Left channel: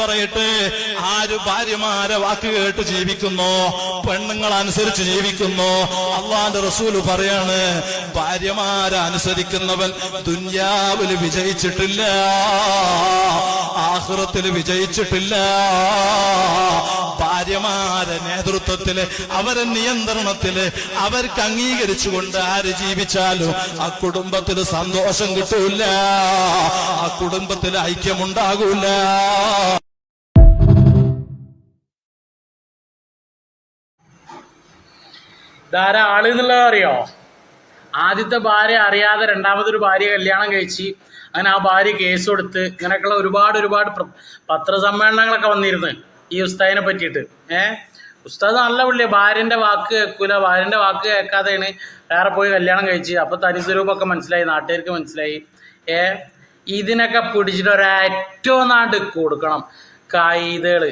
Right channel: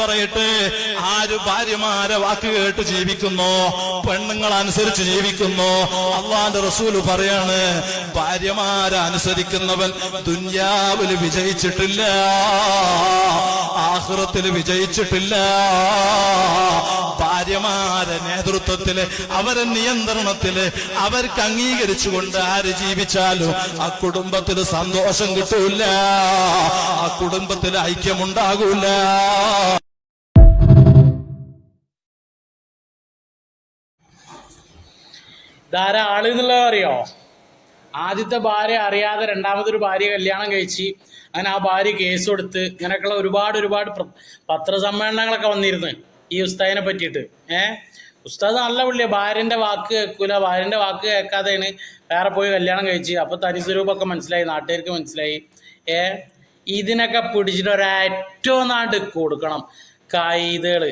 പറയട്ടെ, ആര് ഭാര്യമാരെ വാക്ക് കേട്ട് ജീവിക്കുന്നോ, പെണ്ണുങ്ങൾ അനുസരിച്ച് ജീവിക്കുന്നോ, അള്ളാന്റെ റസൂല് പറയാണ്, ഭാര്യമാരെ അനുസരിക്കുന്നവൻ ദുന്യാവിൽ വിജയിച്ചിട്ടില്ല, ആഖിറത്തിൽ വിജയിച്ചിട്ടില്ല. ഭാര്യമാരെ നേതൃത്വത്തില്, അവരെ നിയന്ത്രണത്തില്, അവർക്ക് അംഗീകരിച്ചുകൊണ്ട് ആര് ജീവിച്ചാലും ആ കുടുംബത്തിൽ സന്തോഷം കിട്ടൂല, ആ കുടുംബത്തിൽ ഐക്യമുണ്ടാകൂല. ധാരാ ആള് എന്നുള്ളത് അറിയോ? ആദ്യത്തെ ഭാര്യ അറിയാതെ രണ്ടാമതൊരു ഭാര്യ കല്യാണം കഴിച്ച് അങ്ങനെ ആ ഭാര്യ കേസ് കൊടുത്ത് ഇങ്ങനെയൊക്കെയുള്ള ഒരുപാട് പത്രസമ്മേളനങ്ങളൊക്കെ വന്നിരുന്നു ഈ ഉസ്താദിനെ പറ്റിയിട്ട്. ഉസ്താദ് നല്ല പുള്ളിയാണ്, ഭാര്യൻ്റെ വാക്ക് കേൾക്കൂല, ഭാര്യൻ്റെ വാക്ക് കേൾക്കാതെയാണ് വേറെ പോയി കല്യാണം കഴിച്ച്. അപ്പോൾ തനിസ്വരൂപമൊക്കെ മനസ്സിലായി, നാട്ടുകാർക്ക് മനസ്സിലായി. ഇതിനൊക്കെ പിടിച്ചിട്ട് ഒരേറ്റവും നാട് കൊടുക്കണം കായികകൾ.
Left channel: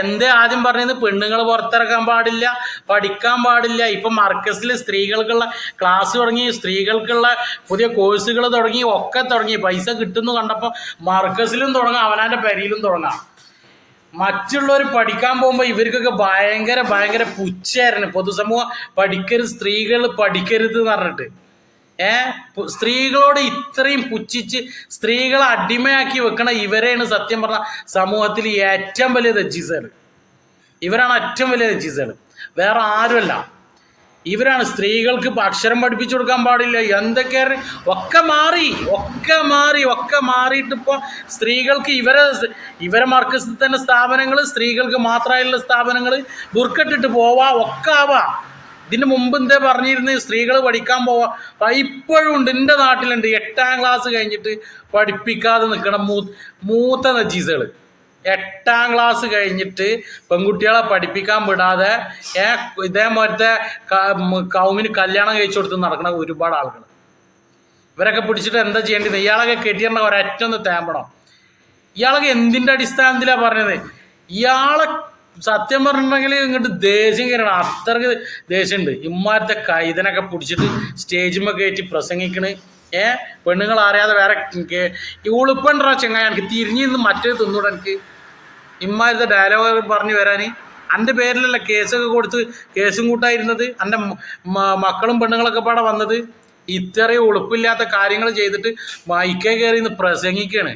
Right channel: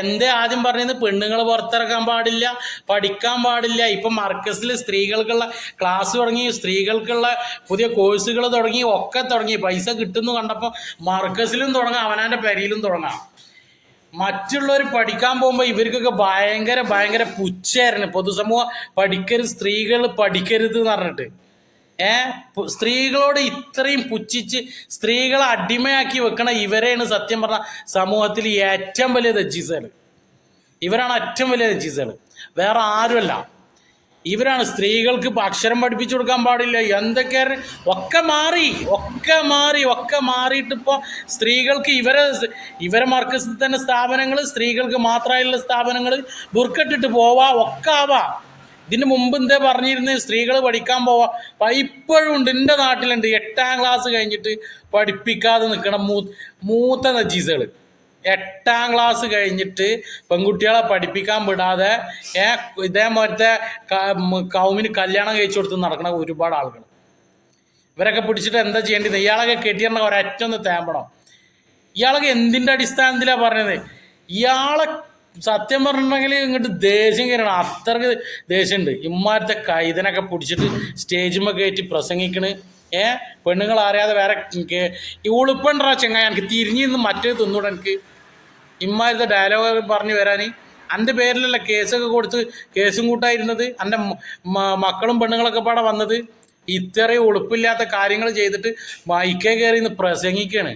എന്തേ ആദ്യം പറഞ്ഞത്? പെണ്ണുങ്ങൾ പുറത്തിറക്കാൻ പാടില്ല, പഠിക്കാൻ പാടില്ല. ഇപ്പം മർക്കസിൽ സ്ത്രീകൾക്കുള്ള ക്ലാസ് തുടങ്ങി, സ്ത്രീകൾക്കുള്ള പുതിയ കോഴ്സുകൾ തുടങ്ങി, ഒക്കെ തുടങ്ങി. പൈസ കിട്ടുന്നു കണ്ടപ്പോൾ മർക്കസിലും തുടങ്ങാം, അവനാൻ്റെ പെരയിലും തുടങ്ങാം. മറ്റുള്ളവർ പഠിക്കാൻ പോകുമ്പോൾ ഇവർക്കൊക്കെ ഭയങ്കര പുച്ഛായിരുന്നു. പൊതുസമൂഹം പഠിക്കരുത്, സ്ത്രീകൾ പഠിക്കരുത് എന്ന് പറഞ്ഞിട്ട്. സ്ത്രീകളോട് ഇത്രയും പുച്ഛിച്ച് സ്ത്രീകളെ അടിമയാക്കി വെക്കണ ഇവരെയാണ് സത്യം പറഞ്ഞ സമൂഹത്തിൽ ഏറ്റവും വലിയ ദജ്ജീസുകൾ. ഇവരാണ് ഏറ്റവും വലിയ ദജ്ജീസുകൾ, വേറെ ആരുമല്ല. ഇവരാണ് സ്ത്രീകൾക്ക് അക്ഷരം പഠിപ്പിച്ചു കൊടുക്കാൻ പാടില്ല, എന്തൊക്കെയാണ് ഒക്കെ മാറിയിട്ടിപ്പോൾ സ്ത്രീകൾക്ക് ഇവരെ മർക്കസിൽ തന്നെ സ്ഥാപനങ്ങൾ, സ്ത്രീകൾക്ക് മാത്രമായുള്ള സ്ഥാപനങ്ങൾ, ബുർക്കട്ടിട്ട് പോവാ, ഒക്കെ ആവാ. ഇതിന് മുമ്പ് എന്താ പറഞ്ഞിരുന്നത്? സ്ത്രീകൾ പഠിക്കാൻ പോവാ. ഇപ്പോഴും ഉണ്ട്, എൻ്റെ നാട്ടിലുണ്ട്. 8ാം ക്ലാസ് കഴിഞ്ഞിട്ട് പഠിപ്പിക്കാതെ നിൽക്കണം മൂത്ത നജീസുകൾ. 8ാം ക്ലാസ് കഴിഞ്ഞിട്ട് പെൺകുട്ടികളെ പഠിപ്പിക്കാൻ വിടാതെ ഇതേപോലത്തെ കൗമിന് കല്യാണം കഴിച്ചു കൊടുത്ത് നടക്കുന്ന ഒരുപാട് ആളുകൾ. ഇവരൊക്കെ പിടിച്ചിട്ട് എന്താ ചെയ്യേണ്ടത്? ഇയാളൊക്കെ കെട്ടിയിരുന്ന ഒരൊറ്റൊന്ന് തേമ്പണം. ഇയാളൊക്കെ എന്തിൻ്റെ അടിസ്ഥാനത്തിലാണ് പറഞ്ഞത്? ഇയാളെ സത്യം പറഞ്ഞിട്ടുണ്ടെങ്കിൽ ഇങ്ങോട്ട് ദേഷ്യം കയറണം, അത്രക്ക് ദേഷ്യമുണ്ട്. ഇമ്മാരത്തെ കൈതനൊക്കെ പിടിച്ചിട്ട് സ്റ്റേജിന്മേൽ കയറ്റി പ്രസംഗിക്കണ്. പെണ്ണുങ്ങൾ അറിയാതെ വേറെ ഈ ഉളുപ്പണ്ടാ ചെങ്ങായി, എനിക്ക് തിരിഞ്ഞിരുന്ന് മറ്റേ തിന്നൂടെ. എനിക്ക് ഇമ്മാരത്തെ ഡയലോഗ് പറഞ്ഞു വരാൻ എൻ്റെ പേരിലല്ല കേസൊക്കെ കൊടുത്ത് കേസും കൂട്ടായിരുന്നത്, എൻ്റെ മക്കളും പെണ്ണുങ്ങളൊക്കെ പാടെ വന്നത്. ഇത്രയും ഉളുപ്പില്ലാത്ത കാര്യങ്ങൾ ചെയ്തിട്ട് മൈക്കേ കയറി ഇന്ന് പ്രസംഗിക്കുകയാണ്.